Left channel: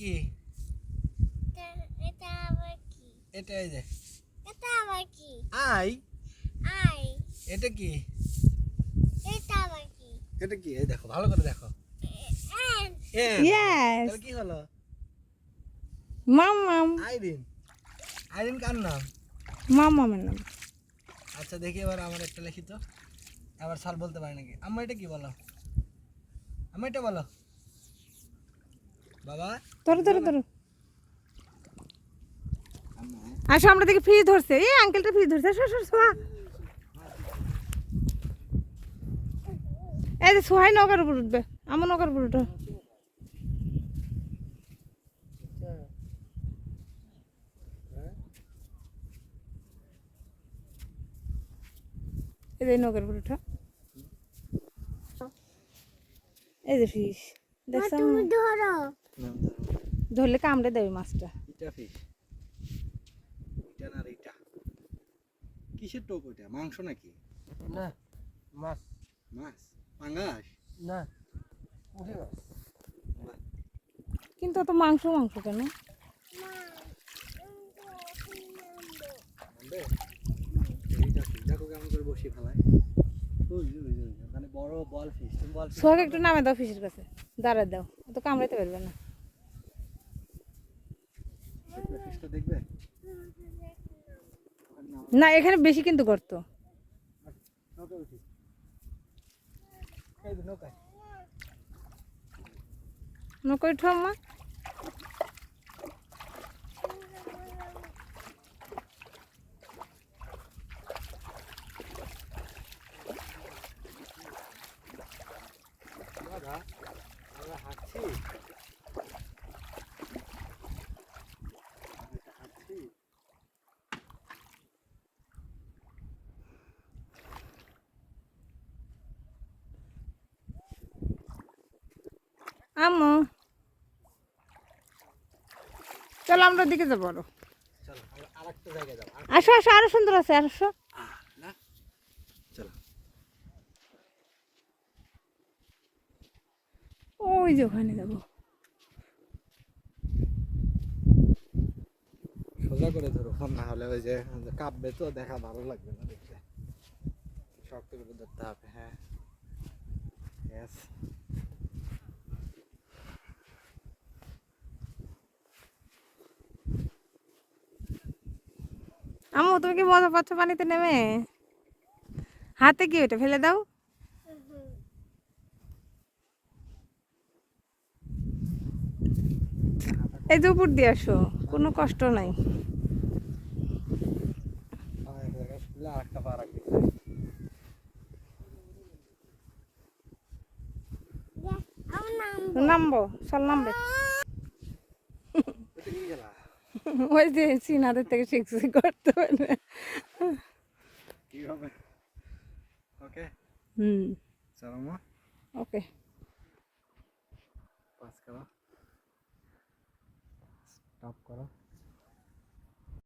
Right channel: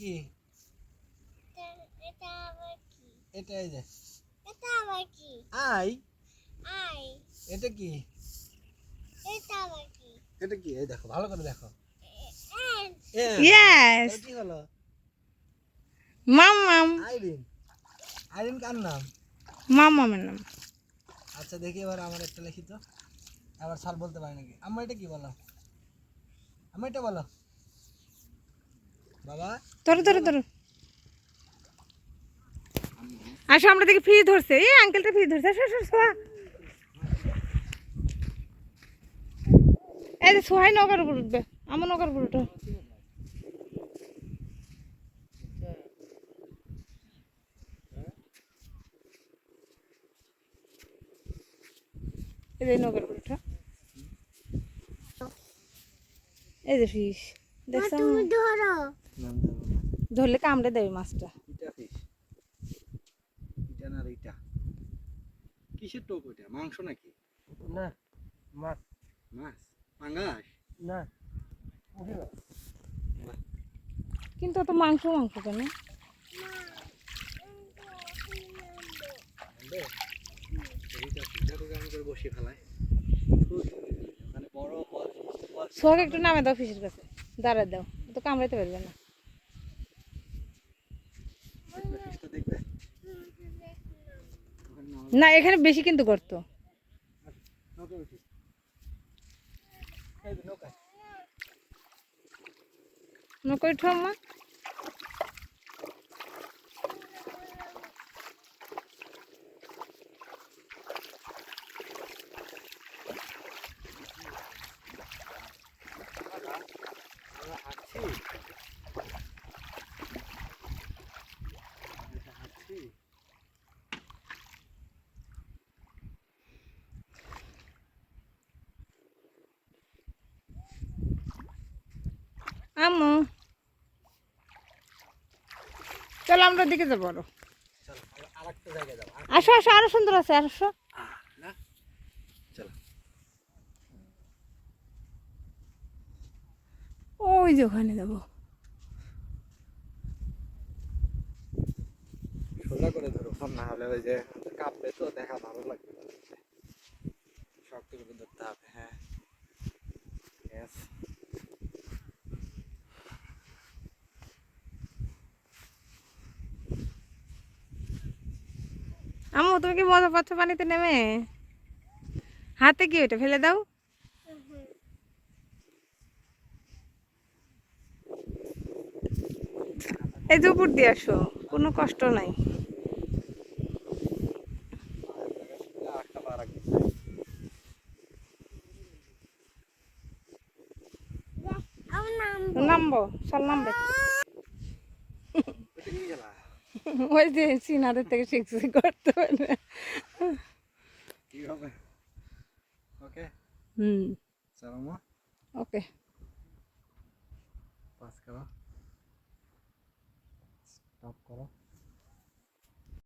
কি? এটা আবার কি? এটা এই যে এটা আবার কি? আই। আই। এটা কি? এটা আবার কি? এটা কি? এই দেখো ভালো করে দেখো। এন। এন। Yes. তাহলে কি হলো? মাম্মাম। আইরিন। আইরিন কার নাম? মাম্মামের নাম। আচ্ছা দেখি এবার আমার একটা লিখি তো। আবার সাল বলতে পারে নাকি? আম্মা এটা কি বলো? আম্মা এটা বলো। বাবা ধরো ধরো ধরো। আসো আমরা দেখি ফ্রিজ ধরছে। এই আঙ্কেলটা ফ্রিজ ধরছে। আসো আসো সোহা। এই যে সোহাই নৌকার উপর উঠবে। আমার নৌকার উপর উঠো। এই যে নৌকার উপর উঠো। এই যে ফিশ দেখছো? তুমি ধরো। ধরলে কামড়ে দেবে মাছটা। এটা ফিশ। এটা না এটা। কিসের টোপ ওইটা? মাংস নাকি? না মাছ মাছ? পাঙ্গাস? না কিন্তু অত মাংস মাংস কেন? আনবে? এইটা কি? দেখো কেমন করে বসিয়ে ফেলায়। ওখানে বড় বল বল সোহাকে একটু নামে দাও ফিশের কাছে। দাঁড়ায় দাও। ও তো কামড়াতে পারবে না। ফিশটা দেখবে? না এখানে বেশি কিন্তু গর্ত। নৌকা উঠি। এই যে নৌকা। নৌকা উঠো আম্মা। আমরা হাঁটছি। হাঁটছি। আম্মু চলো আমরা ওদিকে যাবো আরো। চলো আরেকটা জায়গায় যাও। আসো আসো আরো সুন্দর আছে আসো। না চলো। ওই যে ওখানে যাবো। সোজা করে ধরো ফোন, না হলে ওই যে কাঁপবে তো, দেখা ভালো লাগবে না। শক্ত করে ধরতে হবে। হ্যাঁ Yes. আম্মু তুমি কি মজা পাচ্ছ পানিতে নেমে? হাতে কি ওটা ফেলে দাও। এই যে উপর দিয়ে আসো, কোনো কষ্ট নাই। আরেকটা পা রাখবি। নামবো চল নামবে। ওটা কি খেলা? ওই যে চীনাদের থেকে শিখছি করতে পারবে। কি হবে? ওকে হুম চলো মা, ওকে। পাস করো, স্টপ করো।